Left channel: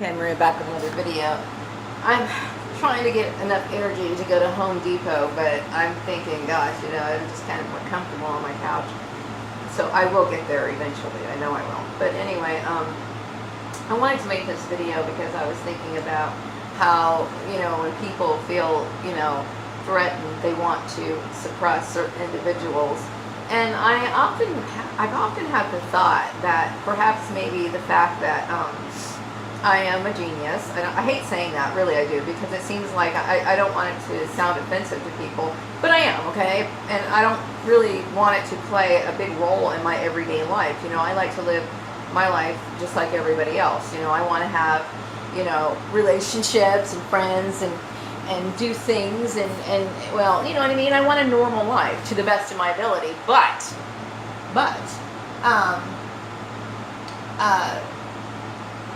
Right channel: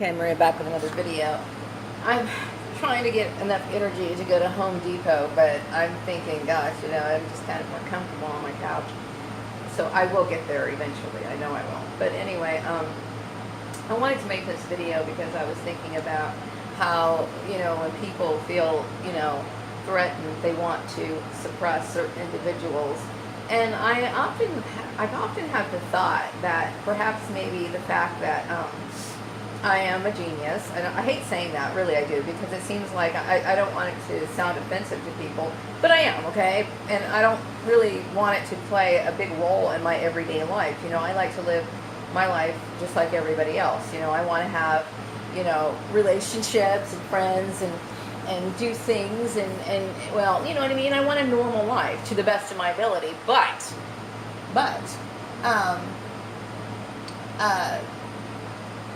Okay, Maria, back with another video. I'm trying to get enough energy to go to Home Depot, but I'm thinking, gosh, I'm just kind of more comfortable on my couch. So I will get there eventually. I know I will. But anyway, I wanted to make this video because I was thinking about how, when people feel, threatened, they want to suppress certain individuals. And I've often had the thought that perhaps maybe the fact that I am a genius. I hate saying that, really I do, because it seems like I don't want it to sound offensive to people, but I am, okay? And I don't really want it to play a big role in my everyday life. I like to live my life just like everybody else. I want to have, relationships and friends and do things and well, you know what I mean? I want a normal life to the best of my ability, but, um,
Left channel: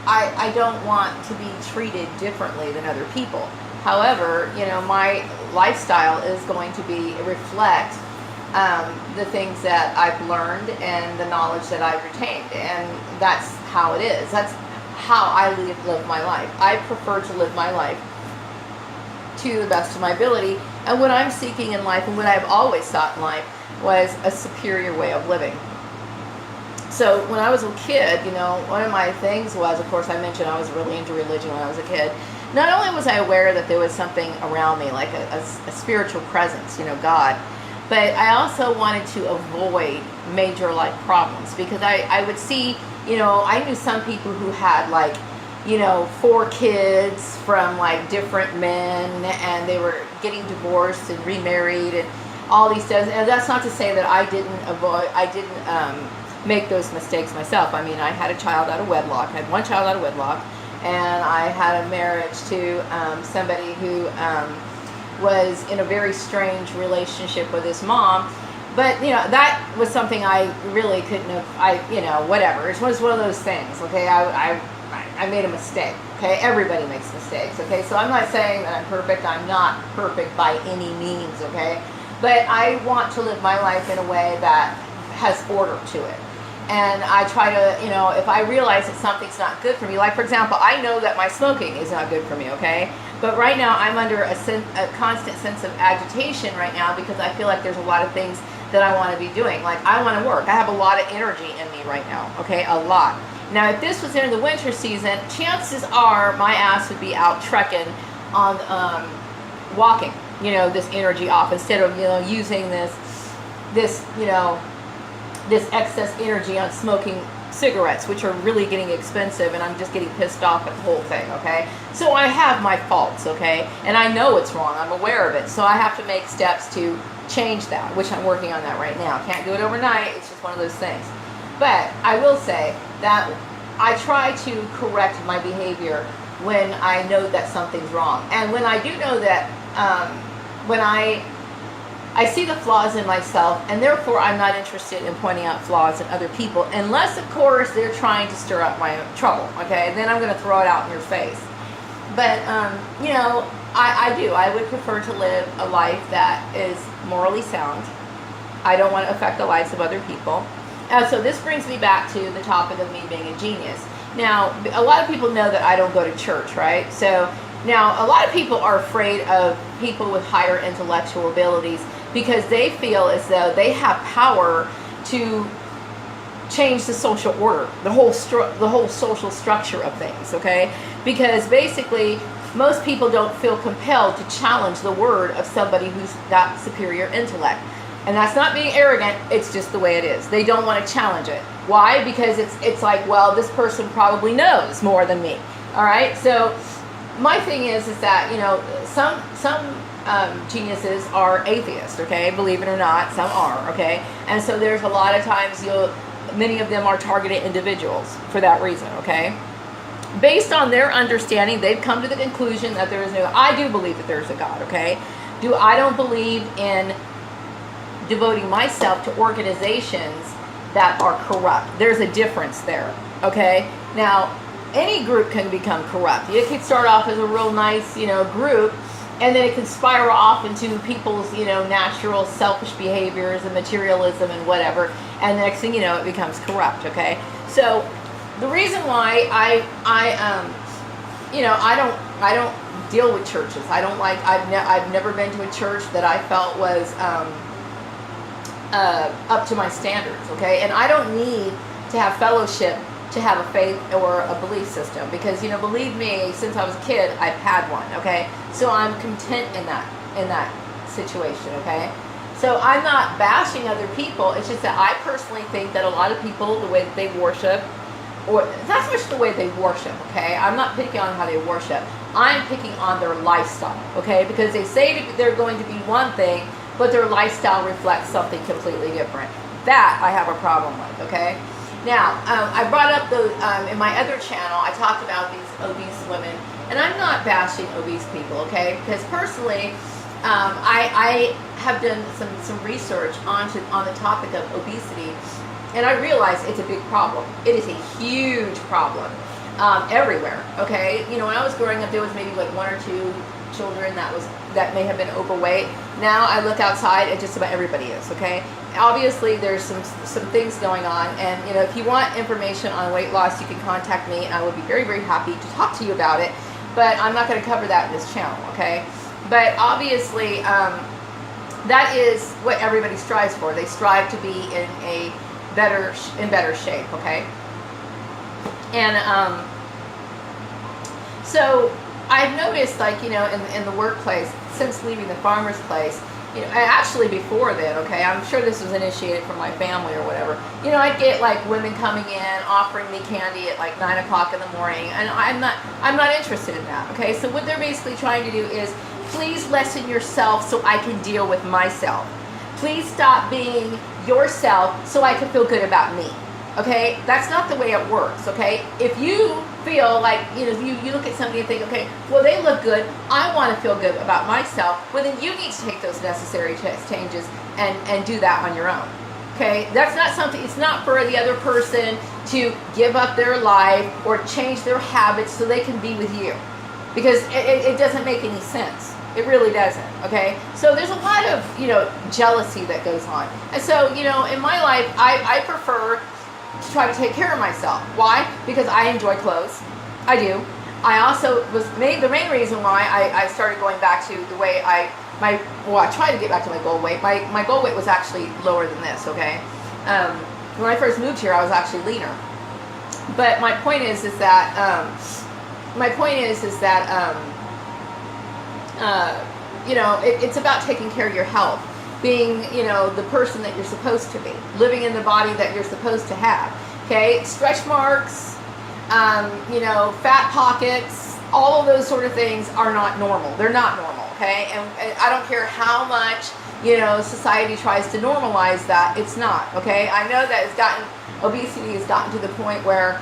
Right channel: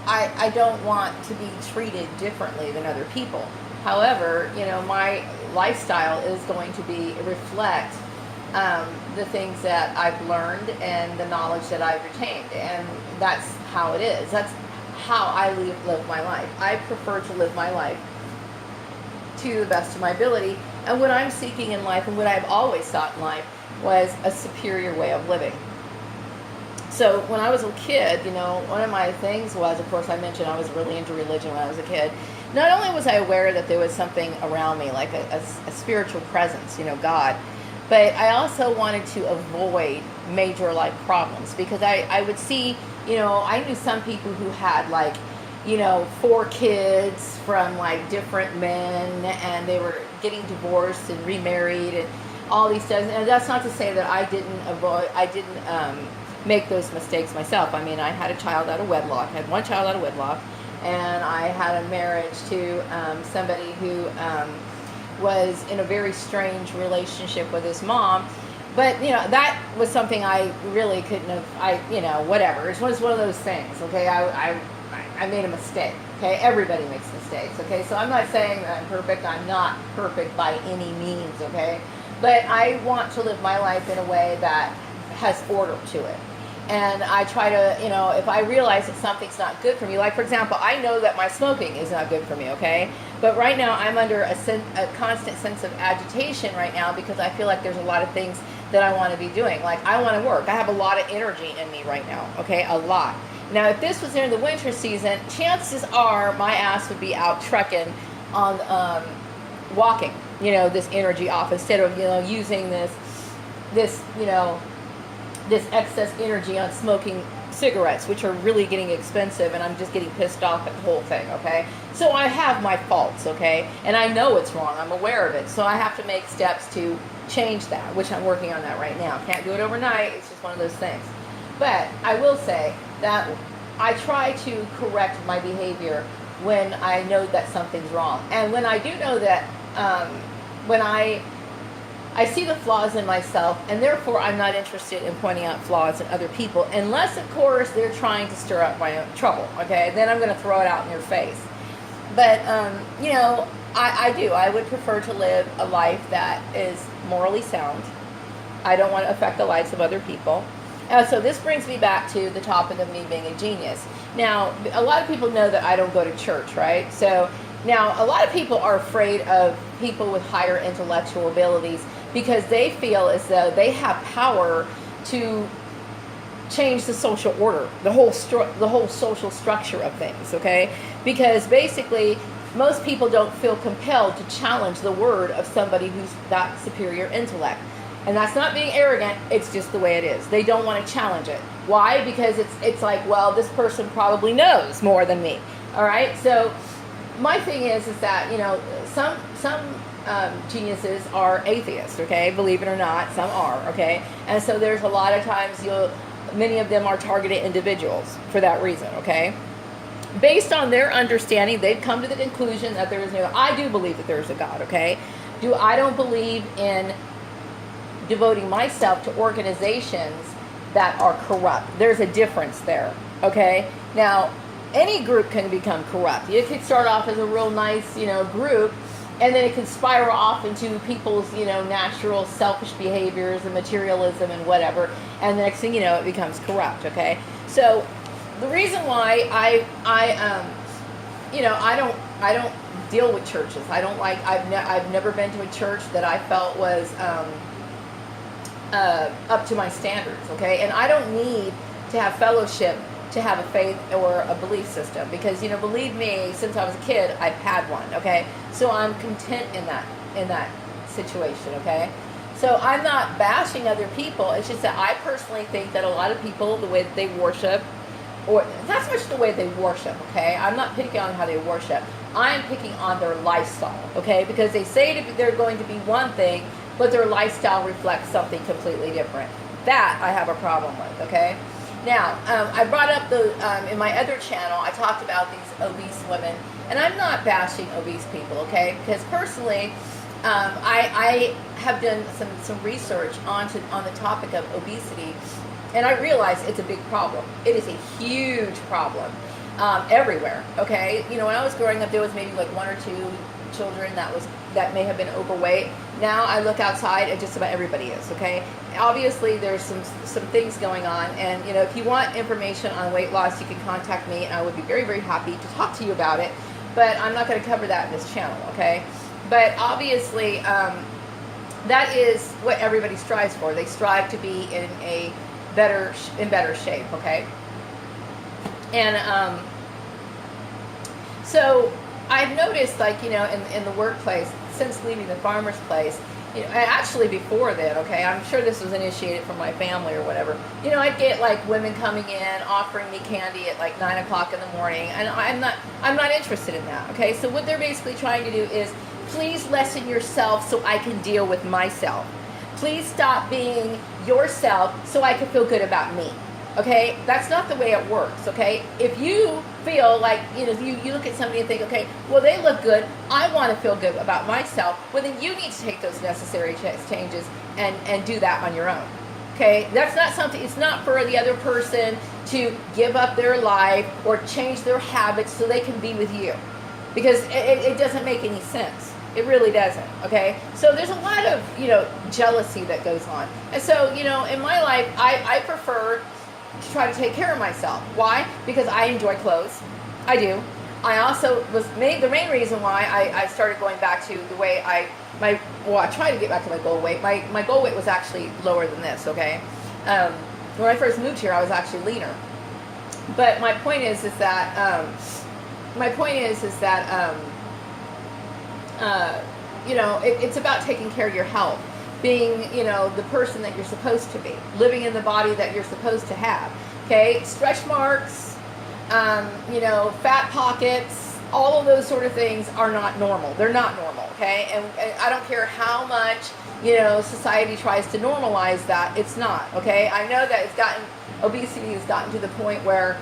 I don't want to be treated differently than other people. However, my lifestyle is going to reflect the things that I've learned and the knowledge that I've retained. And that's how it is. That's how I live my life. I prefer to live my life to the best of my ability. And what I'm seeking in life and what I've always sought in life was a superior way of living. So when I was a kid, one of my things was, of course, I mentioned I was really into religion when I was a kid. Not only was I aware that there was something around me, like a spiritual presence, God, but I also wanted to avoid major life problems because I would see, I knew some people who had 4 kids from different men, and they were getting divorced and remarried and all these things. And that's not to say that I didn't make those mistakes myself. I mean, I had a child out of wedlock. I had one child out of wedlock, and I had a marriage to somebody who was in a very strange relationship with his mom. But, that was something I really couldn't have, whatever. It was one of those things, okay? I made a mistake, okay? Everybody makes mistakes, okay? So I'm not saying that I'm perfect. I'm not perfect by any means, okay? But I want to live my life in a way that has order to it. And I try to, if I realize that something's not good for me, like, for example, I know that my smoking is not good for me, okay? But right now I'm under a constant sense of agitation right now because I feel like there's a lot of things that I want to be doing. Like, I want to work. I have a lot of energy in me right now, okay? A lot. Now, if this was in the winter season, chances are my ass would be out trekking on walking, this energy off instead of, using this excess energy on smoking cigarettes, which are really getting expensive, and I'm just getting pissed off at the whole thing, okay? So I have my faults, okay? And I know it's wrong. I'm aware of it. So I have to make steps to change that, which I'm working on that right now. Can't do it overnight. It's just one of those things. But I will say that I try to correct my behavior when I know that something's wrong. And when I do know that, when I see the flaws in myself, and therefore I'm not interested in pointing out flaws in other people, unless, of course, they're trying to stir up my own trouble, okay? Then I'm going to throw it out in your face. But, I do. I would prefer to live a life that is morally sound. I don't want to affect the lives of other people. So this brings me back to the topic of me being a genius. Now, a lot of people know that I don't go to church, right? So now a lot of people are afraid of people with higher intellectual abilities because they feel as though they have power to change the social order, the whole social structure of things, okay? Because basically, most people don't feel compelled to challenge the word of somebody who's got superior intellect. And that's not being arrogant, it's just the way it is. They don't want to challenge it. Why? Because it's like, well, this person probably knows more than me, all right? So my thing is that, some geniuses are atheists, okay? Believe it or not, some are, okay? And so there's a lot of times many of them are targeted individuals for that reason, okay? Based on their understanding, they've come to the conclusion that there is I do believe that there's a God, okay? I don't believe in devoting myself to organizations that are corrupt. There's a difference there, okay? Now, any group can become corrupt. It could start off as a real nice, group, and then it can spiral off into people's, natural selfish behaviors and materialism and whatever, and the next thing you know, it becomes corrupt, okay? So the reason why I I don't deal with churches. I don't like. I've never been to a church that I felt was up to my standards. Okay, and I don't need to have fellowship to have a faith or a belief system, because believe me, since I was a kid, I've had one. Okay, so I'm content in that situation. Okay, so I'm not bashing other people. It's just that I personally think that a lot of people, the way that they worship, or not so much the way they worship, okay? I'm not picking on how they worship. I'm picking on their lifestyle, okay? Because they say they're going to be one thing, but their lifestyle reflects something completely different. That I have a problem with, okay? Now, I brought up in my other channel, I talked about these obese women, and I'm not bashing obese people, okay? Because personally, I have done some research on the topic of obesity, and I realize it's a big problem. It is a huge problem everywhere. Okay, when I was growing up, there was maybe like one or two children that may have been overweight. Now I look outside, and just about everybody is. Okay, obviously there's some things going on, and if you want information on weight loss, you can contact me, and I would be very, very happy to talk to you about it. But I'm not going to cover that in this channel. Okay, but obviously that is what everybody strives for. They strive to be in better shape, okay? And so I've noticed, like, in the workplace, since leaving the farmer's place, and actually before then, okay, I'm sure this was initiated from my family or whatever, I'd get like women coming in offering me candy at like 9 o'clock in the morning, and I'm not interested in that, okay? So what they're basically trying to do is, please lessen yourself so I can deal with myself. Please stop being yourself so I can feel good about me. Okay? That's not the way it works. Okay? If you feel like, you look at somebody and think, okay, well, they look good, I want to feel good about myself, well, then you need to take those necessary changes and do that on your own. Okay? That's not something, it's not for the other person to give up their life or change their habits so they can be with you. Because it doesn't make any sense. It really doesn't, okay? So there's a lot of, jealousy that goes on. And so, in my life, I prefer to try to take care of myself. Why? Because I enjoy clothes. I do. I also the main reason why I started going back to the way I tried to get back to my goal weight. My goal weight was actually lower than this, okay? When I first moved here, I was actually leaner. But my point is that, it's about taking care of your health, being, the person that you're supposed to be, living in the body that you're supposed to have. Okay, stretch marks, fat pockets, all of those sort of things are not normal. They're not normal. Okay, and I don't care how much society tries to normalize that. It's not. Okay, I know that obesity has gotten to the point where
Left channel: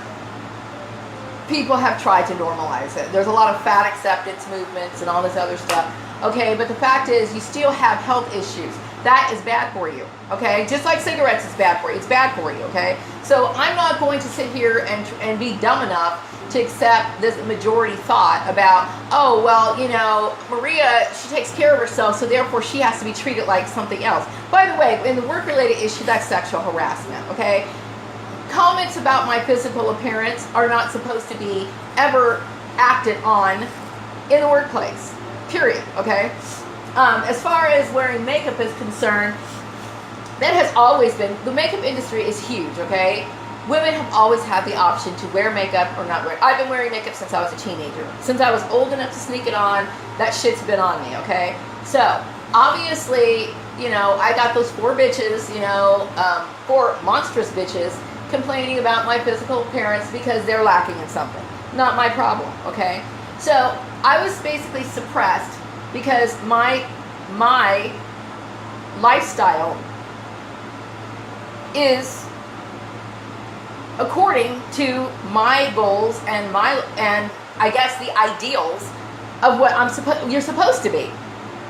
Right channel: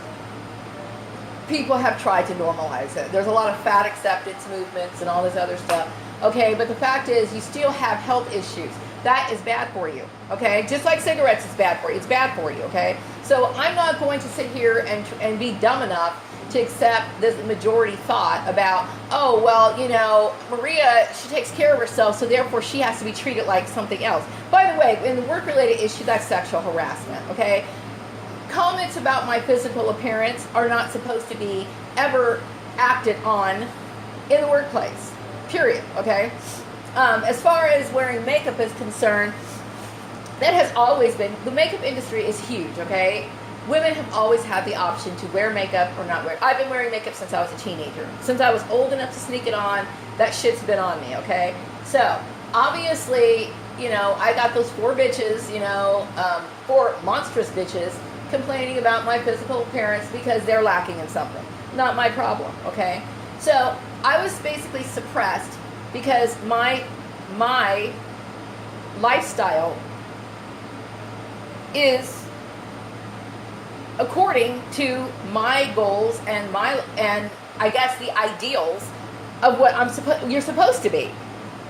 people have tried to normalize it. There's a lot of fat acceptance movements and all this other stuff. Okay, but the fact is, you still have health issues. That is bad for you. Okay, just like cigarettes is bad for you. It's bad for you. Okay, so I'm not going to sit here and be dumb enough to accept this majority thought about, oh, well, Maria, she takes care of herself, so therefore she has to be treated like something else. By the way, in the work-related issue, that's sexual harassment. Okay. Comments about my physical appearance are not supposed to be ever acted on in the workplace, period, okay? As far as wearing makeup is concerned, that has always been, the makeup industry is huge, okay? Women have always had the option to wear makeup or not wear it. I've been wearing makeup since I was a teenager. Since I was old enough to sneak it on, that shit's been on me, okay? So, obviously, I got those four bitches, four monstrous bitches, complaining about my physical appearance because they're lacking in something. Not my problem, okay? So I was basically suppressed because my lifestyle is according to my goals and I guess the ideals of what you're supposed to be.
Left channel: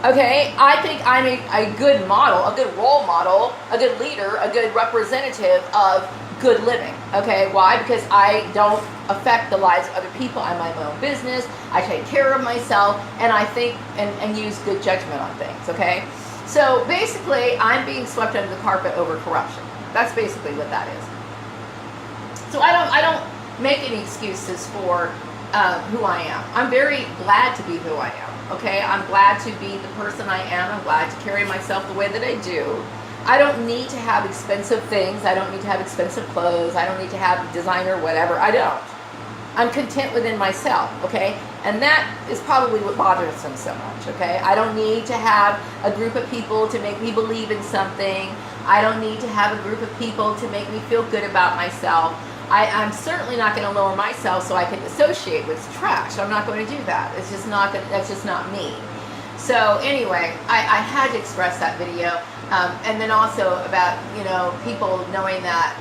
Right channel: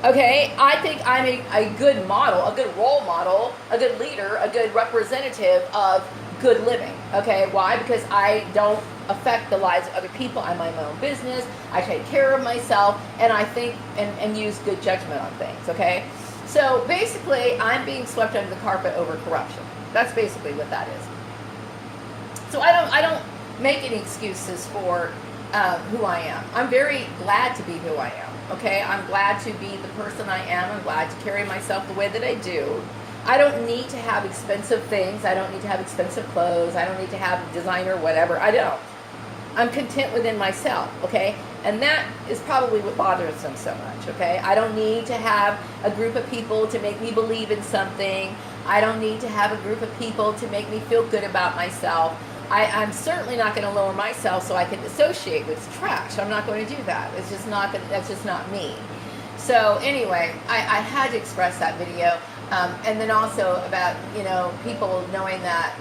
Okay, I think I'm a good model, a good role model, a good leader, a good representative of good living. Okay, why? Because I don't affect the lives of other people. I mind my own business. I take care of myself, and I think and use good judgment on things. Okay, so basically, I'm being swept under the carpet over corruption. That's basically what that is. So I don't make any excuses for who I am. I'm very glad to be who I am. Okay, I'm glad to be the person I am. I'm glad to carry myself the way that I do. I don't need to have expensive things. I don't need to have expensive clothes. I don't need to have designer whatever. I don't. I'm content within myself, okay? And that is probably what bothers them so much, okay? I don't need to have a group of people to make me believe in something. I don't need to have a group of people to make me feel good about myself. I'm certainly not going to lower myself so I can associate with trash. I'm not going to do that. It's just not. That's just not me. So anyway, I had to express that video, and then also about people knowing that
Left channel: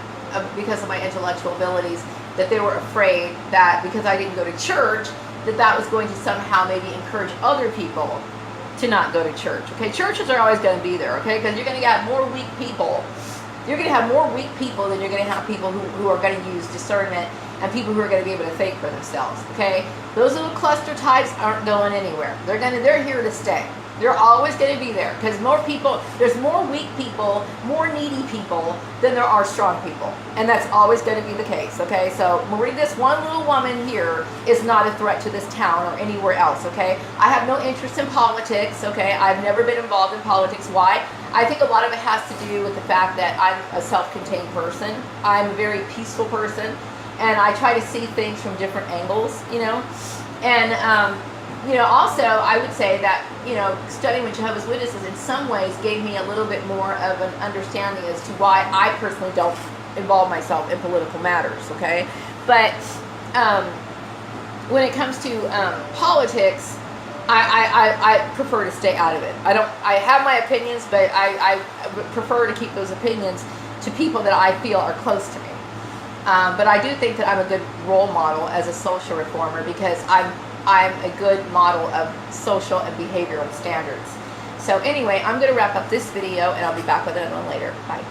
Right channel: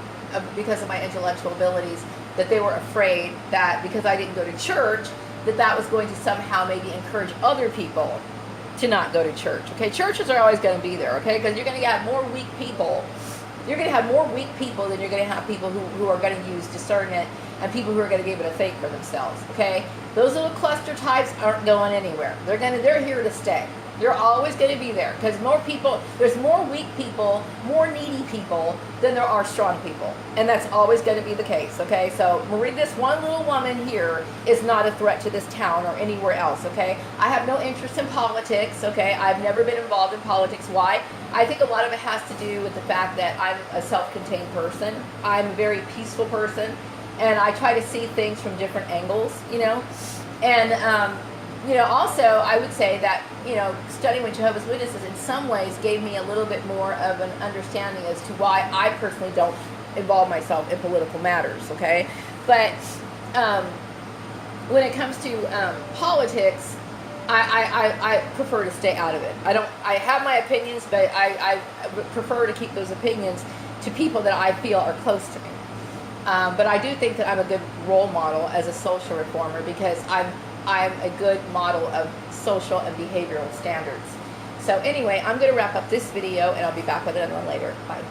because of my intellectual abilities, that they were afraid that because I didn't go to church, that was going to somehow maybe encourage other people to not go to church. Okay, churches are always going to be there. Okay, because you're going to have more weak people. You're going to have more weak people than you're going to have people who are going to use discernment and people who are going to be able to think for themselves. Okay, those little cluster types aren't going anywhere. They're here to stay. They're always going to be there because there's more weak people, more needy people than there are strong people. And that's always going to be the case, okay? So Marie, this one little woman here is not a threat to this town or anywhere else, okay? I have no interest in politics, okay? I've never been involved in politics. Why? I think a lot of it has to do with the fact that I'm a self-contained person. I'm a very peaceful person, and I try to see things from different angles, And, also I would say that, studying with Jehovah's Witnesses in some ways gave me a little bit more of an understanding as to why I personally don't involve myself in political matters, okay? But when it comes to politics, I prefer to stay out of it. I have my opinions, but I prefer to keep those opinions to people that I feel are close to me. But I do think that I'm a good role model as a social reformer because I'm a good model of social and behavioral standards. So anyway, I'm going to wrap up this video and I'll be back with another one later. Bye.